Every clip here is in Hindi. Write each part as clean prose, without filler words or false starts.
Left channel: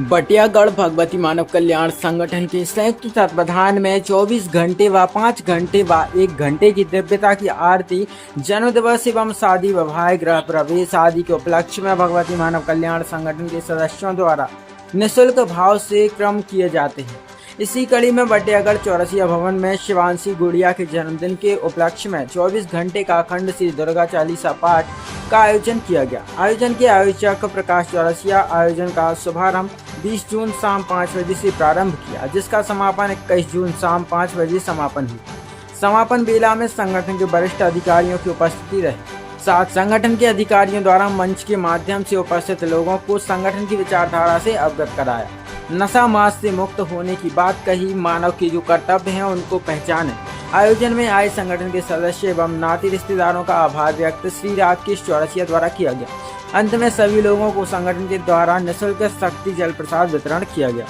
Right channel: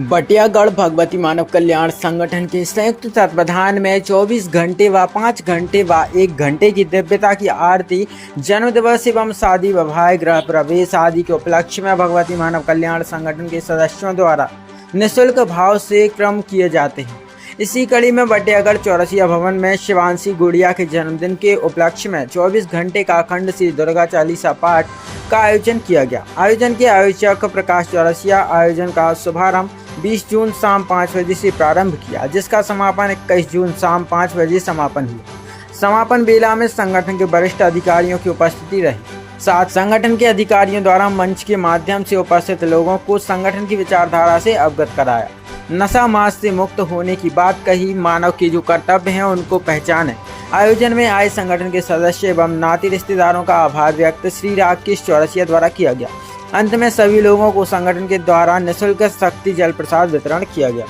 बटियागढ़ भगवती मानव कल्याण संगठन के संयुक्त तत्वाधान में 24 घंटे व 5 घंटे व 1 घंटे की दिव्यता की आरती, जन्म दिवस एवं शादी विवाह गृह प्रवेश आदि के उपलक्ष्य में भगवती मानव कल्याण संगठन के सदस्यों द्वारा निःशुल्क भाव से क्रम किए जाते हैं। इसी कड़ी में बटियागढ़ चौरसिया भवन में शिवांशी गुड़िया के जन्मदिन के उपलक्ष्य में 24 घंटे का अखंड श्री दुर्गा चालीसा पाठ का आयोजन किया गया। आयोजन के आयोजक प्रकाश चौरसिया आयोजन का शुभारंभ 20 जून शाम 5 बजे से प्रारंभ किया, जिसका समापन 21 जून शाम 5 बजे समापन हुआ। समापन बेला में संगठन के वरिष्ठ अधिकारियों की उपस्थिति रही। साथ संगठन के अधिकारियों द्वारा मंच के माध्यम से उपस्थित लोगों को संगठन की विचारधारा से अवगत कराया। नशा मांस से मुक्त होने की बात कही, मानव के जो कर्तव्य हैं उनको पहचाने। आयोजन में आए संगठन के सदस्य एवं नाती रिश्तेदारों का आभार व्यक्त श्री राकेश चौरसिया द्वारा किया गया। अंत में सभी लोगों को संगठन के द्वारा निःशुल्क शक्ति जल प्रसाद वितरण किया गया।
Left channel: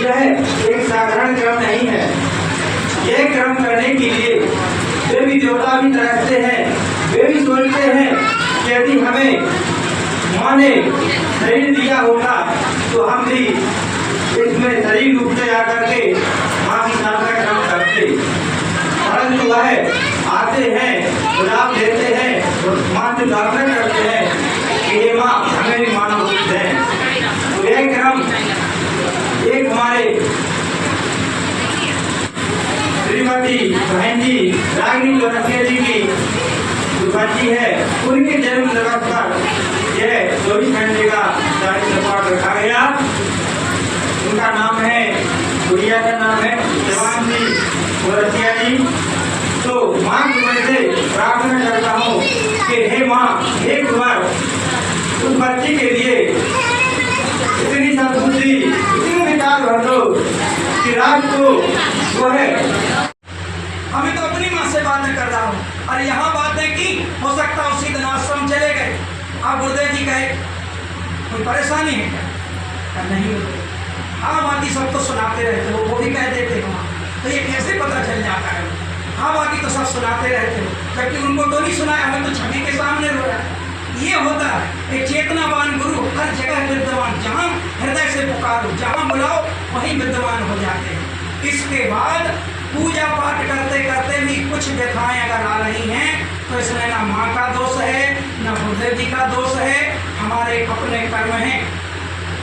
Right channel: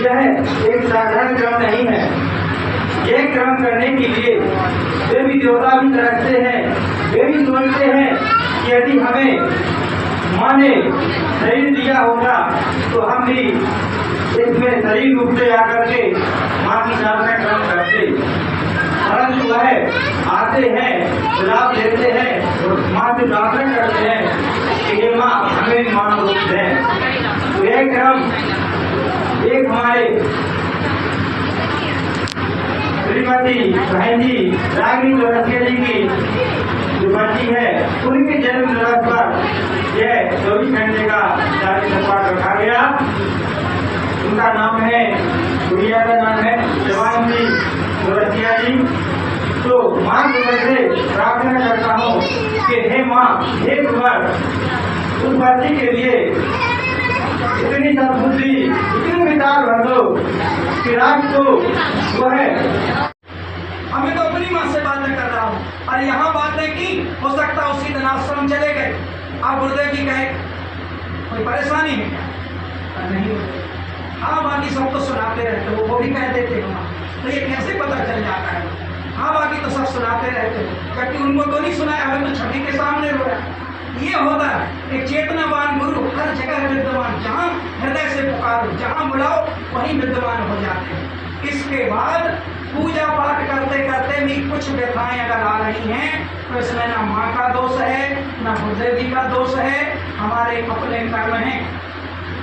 यह एक साधारण क्रम नहीं है। यह क्रम करने के लिए वे भी देवता भी तरसते हैं। वे भी सोचते हैं कि यदि हमें माँ ने शरीर दिया होगा तो हम भी इसमें शरीर रूप से आकर के माँ की साधना क्रम करते, परंतु वह आते हैं, गुलाब देते हैं, माँ से प्रार्थना करते हैं कि ये माँ हमें मान रूप दें। तो यह क्रम एक हमारे श्रीमती बहन जी रागिनी चौरसिया जी की जो बच्ची है, उनके जन्म दिवस पर यह 24 घंटे का चालीसा पाठ रखा गया। उनका नाम है, गुड़िया का नाम है शिवांशी चौरसिया जी। तो माँ की वजह से प्रार्थना करता हूँ कि हे माँ, एक बार उस बच्ची के लिए इतनी सद्बुद्धि, इतनी विचार भर दो कि रात को वह, अभी तो अपनी माँ से बातें कर रहा हूँ और यहाँ बातें की, हो सकता उसी दिन आश्रम चले गए। आप गुरुदेव जी कहे कोई परेशानी है क्या? नहीं होते। हाँ, बाकी सब तो सुनाते रहते हो, वो भी कह देते हो। तो ये कैसे पता चल जाता है? हाँ, बाकी तो सब सुनाते रहते हो, जबकि उनको तो नहीं सुनाया हो, तो छवि के सामने रोया। ये होता है एक चेतनावान गुरु हर जगह विद्यमान, जहाँ हृदय से पुकारो, जहाँ बुलाओ वहीं विद्यमान हो जाते हैं। इसके बाद पूजा पाठ करते करते भी कुछ व्यथाएं अगर आ रही हैं तो इसमें ना माँ का दोष है, ना गुरुदेव जी का दोष है, हमारे अपने कर्म हैं।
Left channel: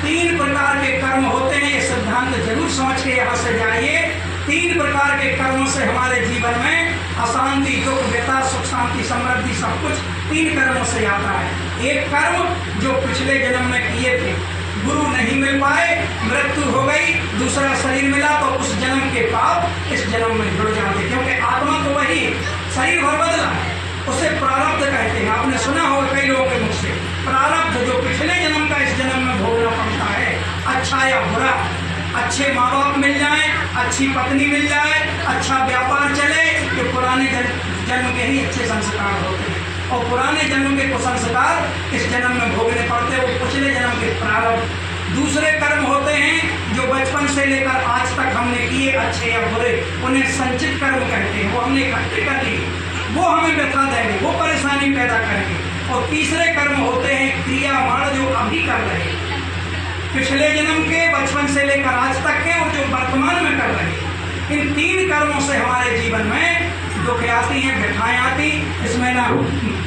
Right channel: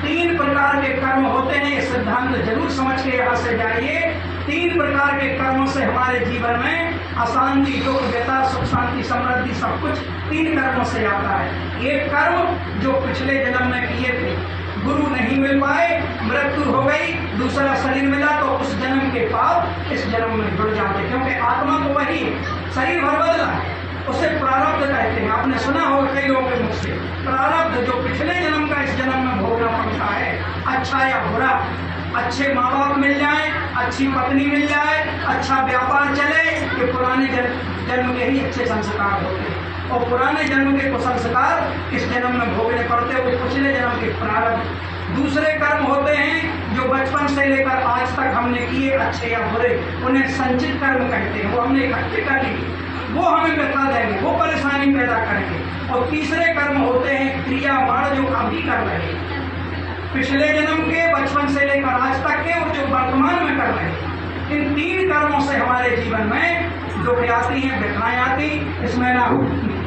3 प्रकार के कर्म होते हैं, ये सिद्धांत जरूर समझ के यहाँ से जाइए। 3 प्रकार के कर्मों से हमारे जीवन में अशांति, दुख, व्यथा, सुख, शांति, समृद्धि सब कुछ 3 कर्मों से आता है। एक कर्म जो पिछले जन्म में किए थे, गुरु नहीं मिल पाए, मृत्यु हो गई, दूसरा शरीर मिला तो उस जन्म के पाप इस जन्म में जुड़ जाते, क्योंकि आत्मा तो वही, शरीर भर बदला, उसे प्रारब्ध कहते हैं। आपने सुना होगा कई लोगों के मुख से, प्रारब्ध जो पिछले जन्म का इस जन्म में भोगना पड़ता है, अच्छा या बुरा। अच्छे माँ बाप मिल जाए, अच्छी पत्नी मिल जाए, अच्छा व्यापार चले, ये पुराने जन्म के ही अच्छे संस्कार होते हैं। और पुराने जन्म के कुछ संस्कार इस जन्म में भोगने पड़ते हैं, वो पिछले जन्म के प्रारब्ध। दूसरे कर्म होते हैं जो बचपन से लेकर आज तक हमने किए, अच्छे या बुरे, उन्हें संचित कर्म कहते हैं। वो हमने इकट्ठे कर लिए, वो हमें व्यथा देंगे, वो परेशानी पैदा करेंगे। और तीसरे कर्म होते हैं क्रियावान, जो अभी कर रहे हैं, पिछले जन्म के, बचपन से लेकर आज तक के, और जो वर्तमान में कर रहे हैं। इन 3 कर्मों से हमारे जीवन में दुख आती हैं, व्यथाएं आती। इसमें ना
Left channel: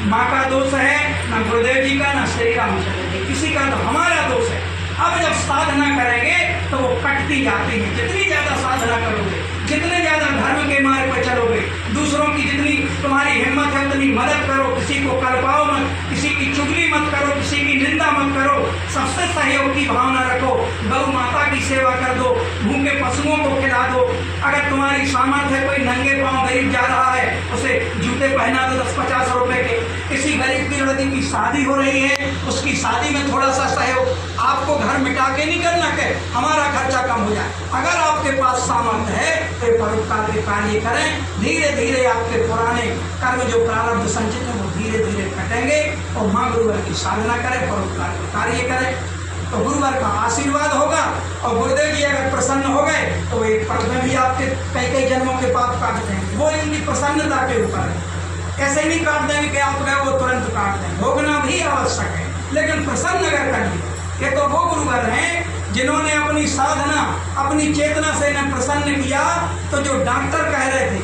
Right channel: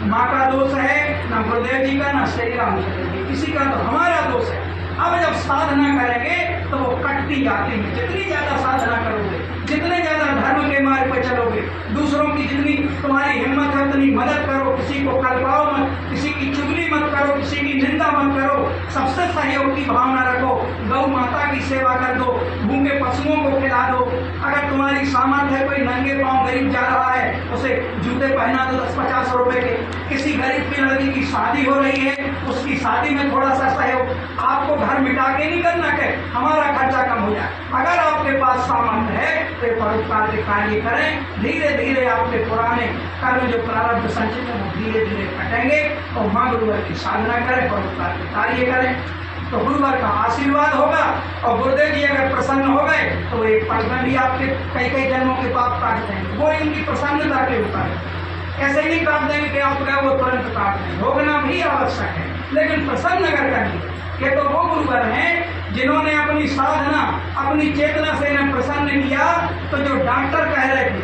माँ का दोष है, ना गुरुदेव जी का, ना श्री रामचंद्र जी, किसी का तो हमारा दोष है। अब जब साधना करेंगे तो वो कटती जाती है। जितनी ज्यादा साधना करोगे, जितने ज्यादा धर्म के मार्ग पर चलोगे, दूसरों की जितनी तुम्हारी हिम्मत है उतनी मदद करो, किसी को कल्पाओ मत, किसी की चुगली मत करो, किसी की निंदा मत करो, सबसे सहयोग की भावना रखो, गौ माता की सेवा कर दो, भूखे पशुओं को खिला दो। अगर तुम्हारी सामर्थ्य है, कोई नंगे पांव गरीब जा रहा है, उसे जूते पहना दो 10-50 रुपए के। किसी गरीब की लड़की की शादी हो रही है, उसकी शादी में थोड़ा सा सहयोग, आपको घर मिटा के नहीं करना है, हमारा खर्चा कम हो जाए। अगर आपके पास सामर्थ्य है तो परोपकार के कार्य करें। धीरे धीरे आपके पुराने कर्म जो प्रारब्ध संचित है वो धीरे धीरे कटेंगे और माँ गुरुवर की साधना करें, परोपकार के कार्य करें, तो गुरुवर का आशीर्वाद होगा। और गुरुदेव जी अगर प्रसन्न हो गए तो एक पल में भी आपके कई जन्मों के पाप काट देंगे। वो इनकी प्रसन्नता के ऊपर है, ऐसे नहीं काट देंगे कि आप गए वो तुरंत काट देंगे। भोगना भी आवश्यक है। लेकिन प्रसन्न अगर करिए। ये तो वो गुरुवर हैं जिन्होंने अपनी साधना, अपनी चेतना से इन्हें प्रसन्न किया। तो जो डॉक्टर कह रहे थे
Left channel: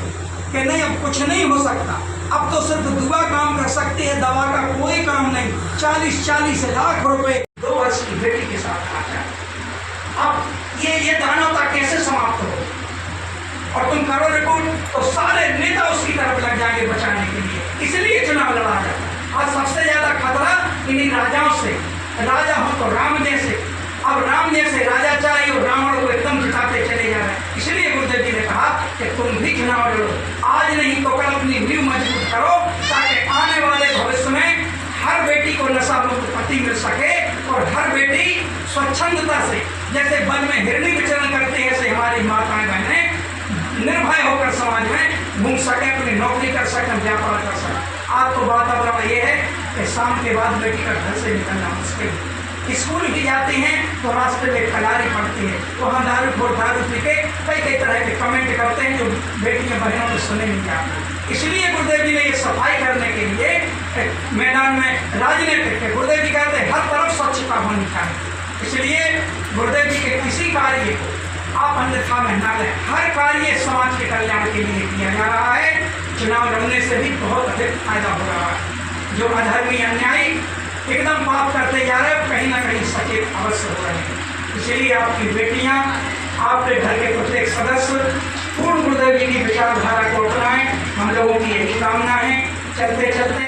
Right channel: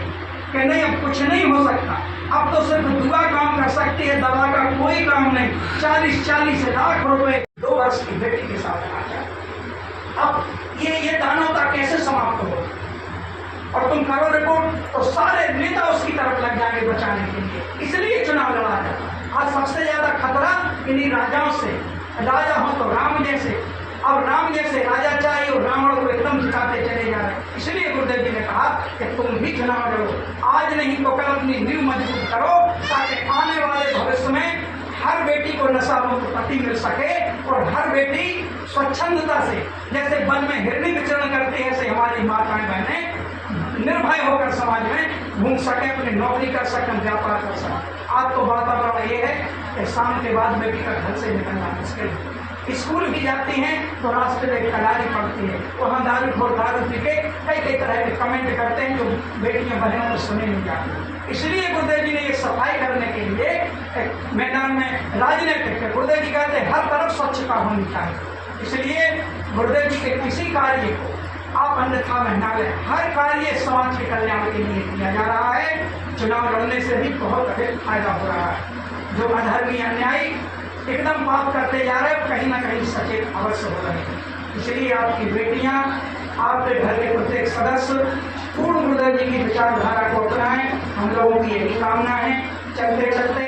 कि नहीं अब कुछ नहीं हो सकता, अब तो सिर्फ दुआ काम कर सकती है, दवा का कोई काम नहीं। 40-40 लाख रुपए 2 वर्ष की बेटी के साथ आ गया। अब ये दानवता कैसे समाप्त हो? और तुम करो रिपोर्ट तो सारे नेता उसकी तरफ लग जाएंगे बचाने के लिए, इसलिए चुनाव लड़ा जाता। आज सबसे ज्यादा खतरा इन्हीं राजाओं से। राजा हो तो राम जैसे, अब राम जैसे राजा चाहिए और रावण को एकदम जिताते चले जा रहे हैं। इसलिए गुरुदेव जी ने कहा कि तुम भी चुनाव लड़ो, आज नहीं तो कल अपनी नींव मजबूत करो, ताकि आने वाले भविष्य में हर बेटी को नशा मुक्त पति मिल सके और हर बेटी स्वच्छंदता से, जैसे वन में हिरणी विचरण करती है, ऐसे हमारी माताएं बहनें निर्भय होकर समाज में घूम सके, अपनी नौकरी कर सके, व्यापार कर सके। आज तो वातावरण ये है कि शाम के बाद बेटी का घर से निकलना मुश्किल है। स्कूल भी जाती हैं तो रास्ते में कलारी पड़ती है, वहाँ दारू पी के कई तरह के कमेंट करते हैं जो बेटियां बहनों ने सुने नहीं जाते। इसलिए गुरुदेव जी ने ये सफाई करने के लिए मैदान में राजनीतिक, गुरुदेव जी कहते हैं हर तरफ स्वच्छता होनी चाहिए। इसलिए गुरुदेव जी के किसी कार्य को आप अन्यथा में न लें, हर कार्य समाज के कल्याण के लिए किया जा रहा है। चुनाव लड़ने से भी बहुत अधिक फायदा हो रहा है। जो अधर्मी अन्यायी एकदम पाप करते जा रहे हैं, कहीं ना कहीं सचेत अवश्य हो रहे हैं। इसलिए आपकी बेटियां, आपके घर के प्रत्येक सदस्य पूर्ण गुरुदेव जी की विचारधारा को अपनाएं, हम लोगों की यही कामना है। चलते चलते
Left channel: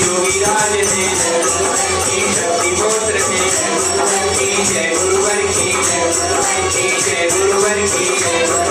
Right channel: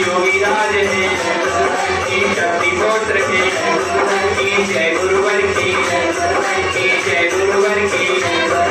योगीराज है शक्ति पुत्र है, जय गुरुवर की, जय गुरुवर की।